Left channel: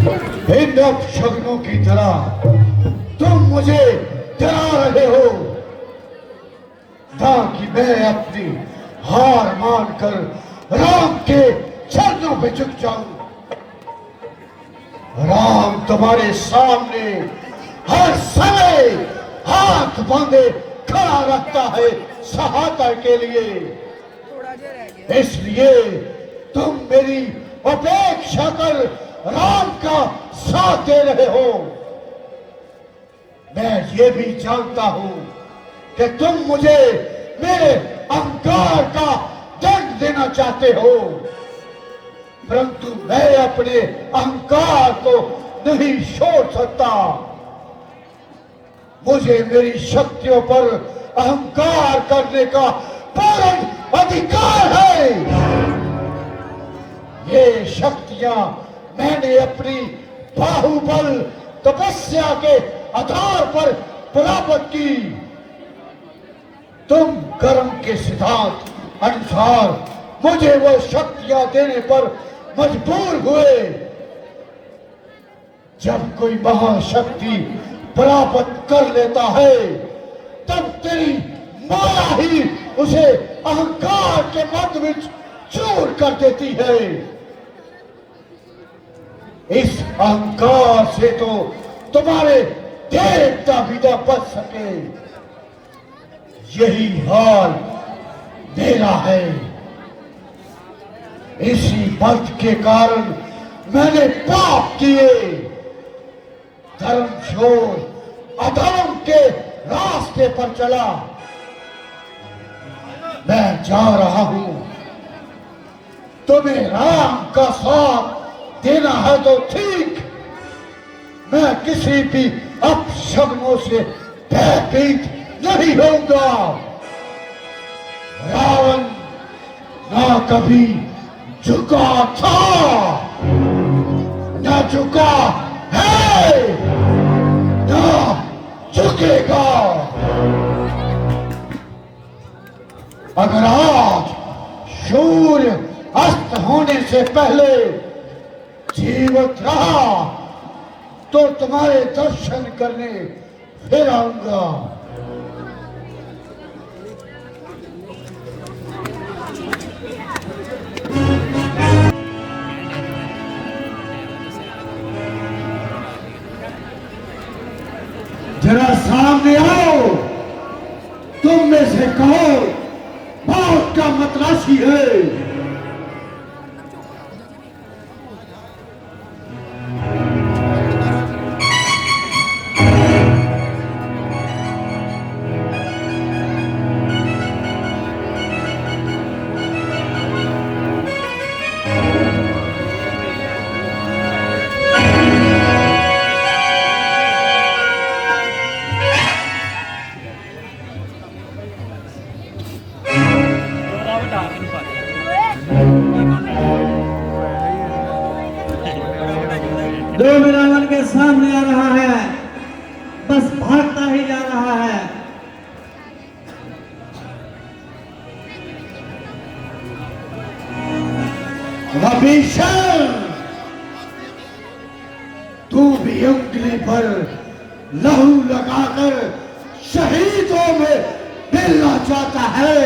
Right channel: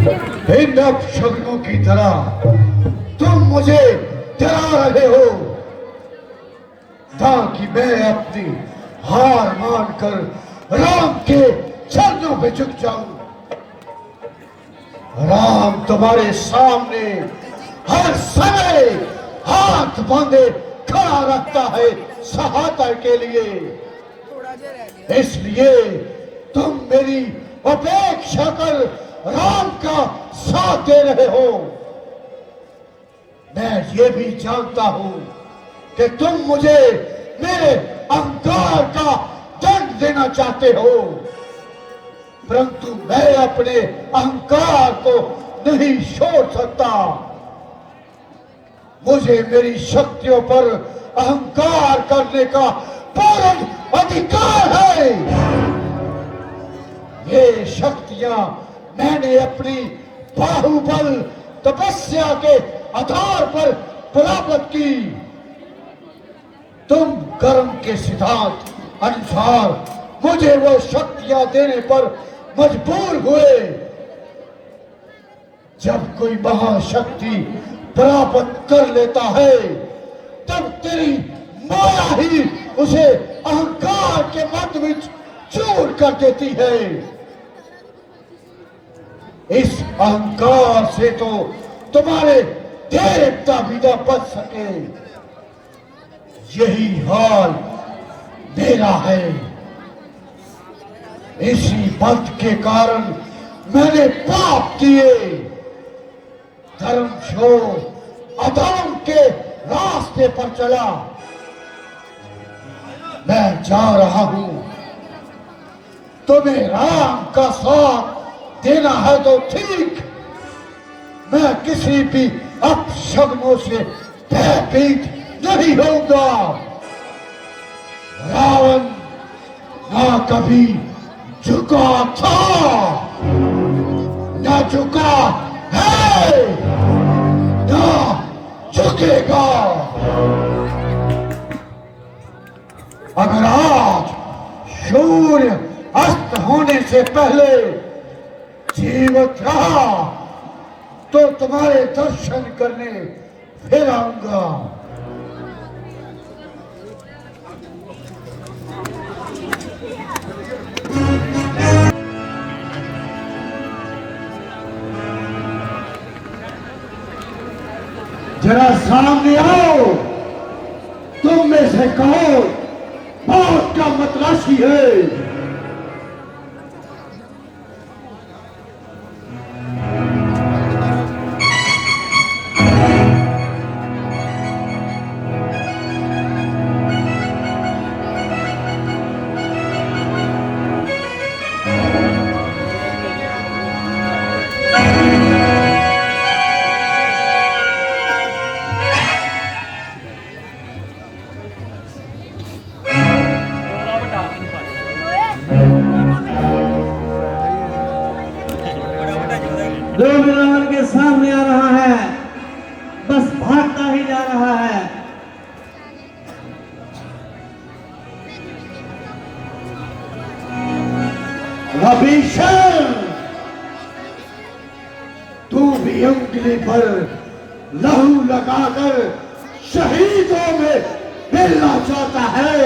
इन अपशगुनों की तरह तुम मुझे डरा रहे हो ताकि मैं अपनी हार मानकर राम के चरणों पे झुक जाऊं। राम तुम्हारे सामने हर समय हाथ बांधे खड़ा रहता है सहायता के लिए, इसलिए तुम मेरी अपेक्षा कर राम का साथ दे रहे हो। मैं ये भी जानता हूं कि तुम मुझे मेरे अहंकार का दंड देना चाहते हो, परंतु मैं अपने अहंकार को नहीं छोड़ सकता। मुझे मेरी शक्तियों पर अहंकार करने का पूर्ण अधिकार है। ये शक्तियां मैंने अपनी बाहुबल तपस्या के आधार पर प्राप्त की। तुम कर्म के सिद्धांत अनुसार मुझे वो शक्तियां देने पर मजबूर हुए। जब कोई महाशक्ति प्राप्त कर लेता है तब तेरी माया ही उसे अहंकार के मध्य में चूर कर देती है। इस अहंकार से तो तुम्हारे देवता भी न बच सके। यही हाल मेरा है। इसी मत के कारण मैंने पाप किए, धर्म छोड़ अधर्म के रास्ते पर चला। मैं जा रहा हूं। तुम्हें राम का साथ देना है तो ठीक, मैं किसी भी अपशगुनों से भयभीत नहीं होऊंगा। रावण ना कभी झुका था न झुका है न झुकेगा। अगर आज सूर्य अस्त होने से पहले जीवित रहा तो तुम्हारे दर्शन करने फिर आऊंगा। जरा सामने आओ, तुम में से कहो बात का मतराशी है। रावण के सामने आ रहा है, बस भागता ही जा रहा है। अभिषेक, तू भी उंगली भर लहू लगाकर शहीदों में मिलना चाहता है।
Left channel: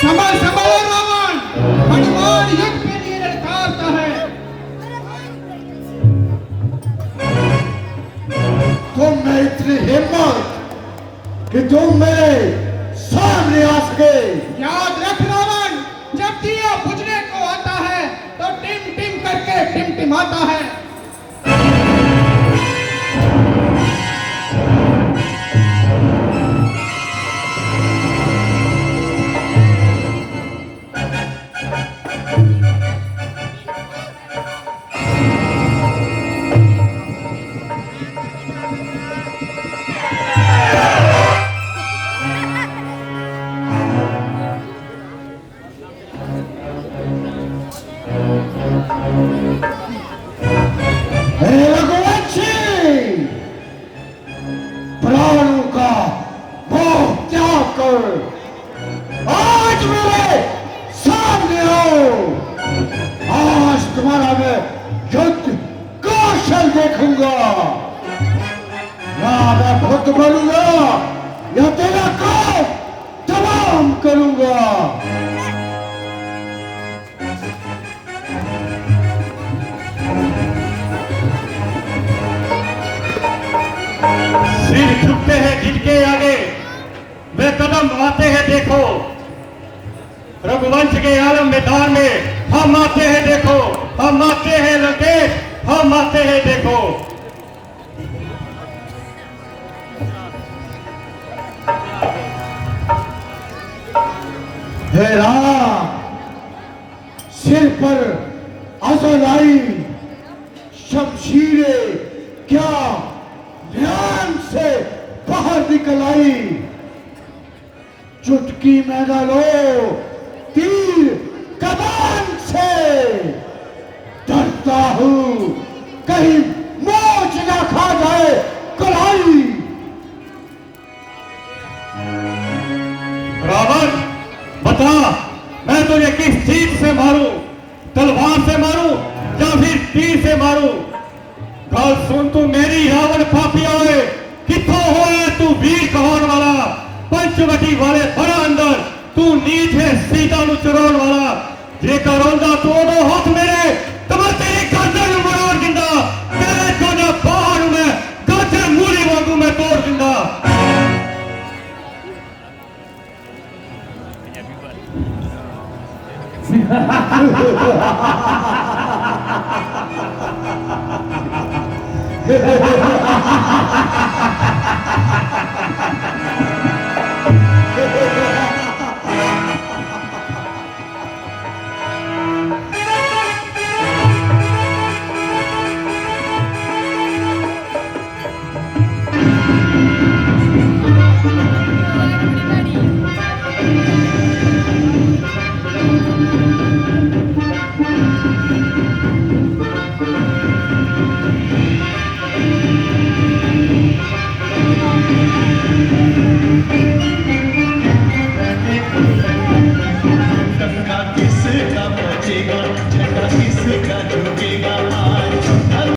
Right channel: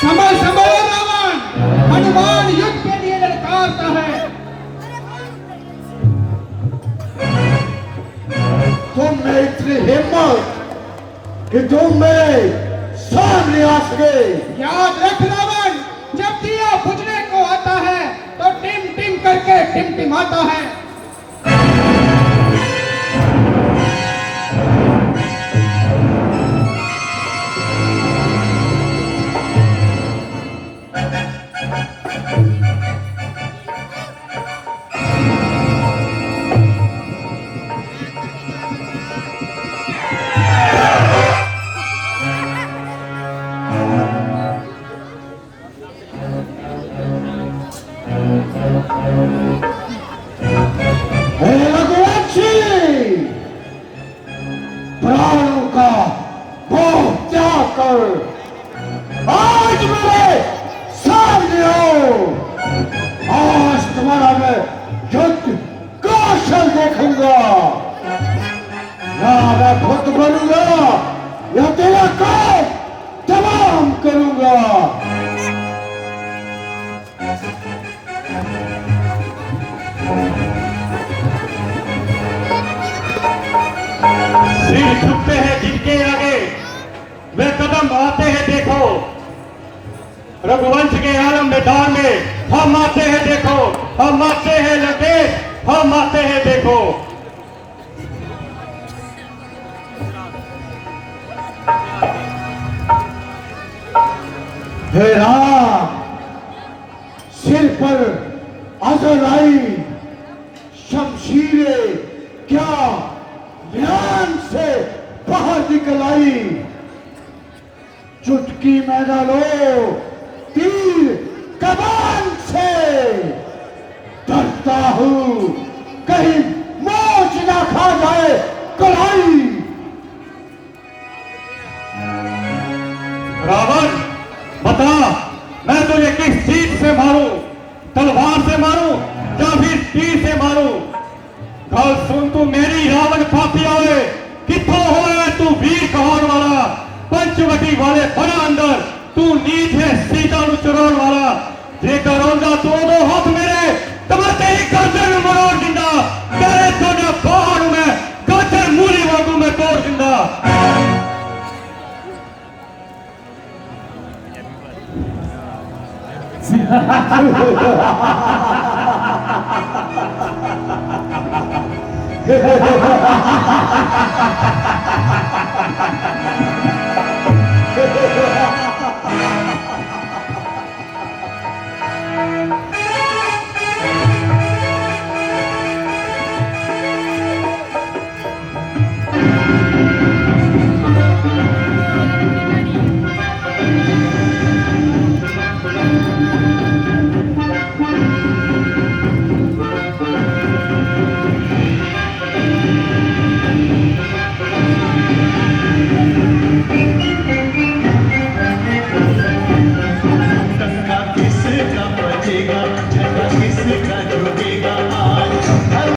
समय समय रावण हनुमान युद्ध के लिए ललकारता है। तुम में इतनी हिम्मत कि तुम मेरे सामने आ सके। याद रख रावण, जब दिया बुझने को आता है तो टिम टिम करके टिमटिमाता है। आज मेरे सामने आओ। आज तुम्हारा मैं युद्ध कौशल देखूंगा। ना मैं खुद बनूंगा या तेरा काम तमाम करूंगा। सिर झुकते हैं जिनके आगे वे कदम आते हैं देखो। रघुवंश के आलम मैदान में हम आते हैं देखो। हम आते हैं लंकेश, हम आते हैं देखो। हे राम, सिर पर अजल आई शमशीरें क्या ध्यान से बाहर निकल आई। चुटकी में डालो तीर कमान से। डरता हूं कहीं मोच ना खा जाए कलाई। रावण बता, मैं तुझे किस चीज से मारूं? तलवार से मारूं या फिर तीर से मारूं? कल सुन तू मेरी रावण पापिया है। किथों होया तू वीर कहार वाला? पंचवटी वाले बड़े अंदर तू नीच है सीता नु चरोड़ वाला। जेकर रोंदा तू दो हाथ मेरे तमते ही गर्दन मरोड़ दिंदा। तेरे जने पहाड़ में गाजर मूली वांगू मैं तोड़ दिंदा। किसका बचेगा।